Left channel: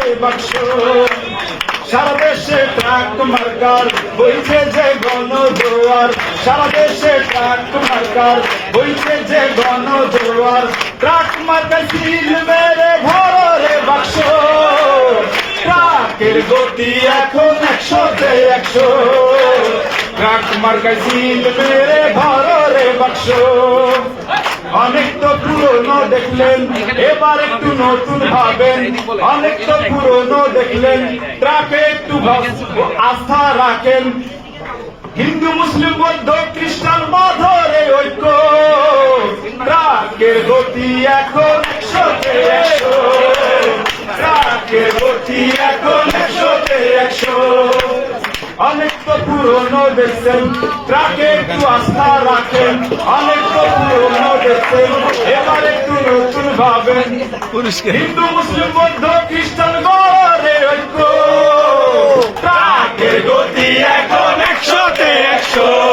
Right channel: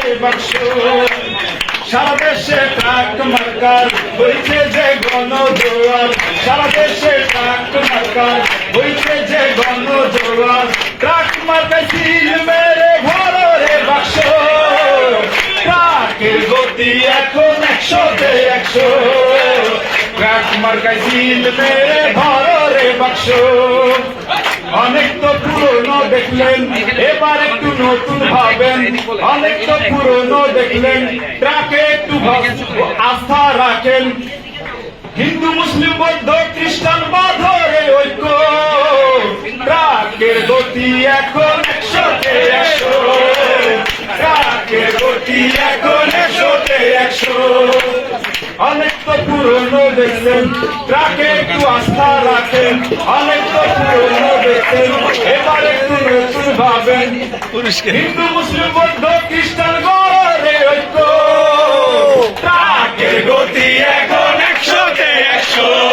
রে বাক্স সারা দেশে ট্রাক মার্কার বইছে যে গণজোয়ার সারা দেশে ট্রাক মার্কার বইছে যে গণজোয়ার ট্রাক মার্কার সিল মেরে ভরো রে বাক্স পাকের গতি এখন 100-তে 100 ট্রাক মার্কার সিল মেরে ভরো রে বাক্স অনেক তো পুরনো দেখলেন এবার একটু নতুন ভাবেন অনেক তো পুরনো দেখলেন ট্রাকে একটু আস্থা রাখেন হিন্দু মুসলিম বৌদ্ধ খ্রিস্টান বাঁধরে ঐক্য ট্রাকের গতি এখন 100-তে 100 ট্রাকের গতি এখন 100-তে 100 অনেক তো পুরনো দেখছেন ট্রাকে একটু আস্থা রাখেন অনেক তো পুরনো দেখছেন এবার একটু নতুন ভাবেন হিন্দু মুসলিম বৌদ্ধ খ্রিস্টান গড়ে ঐক্য ট্রাকের গতি এখন 100-তে 100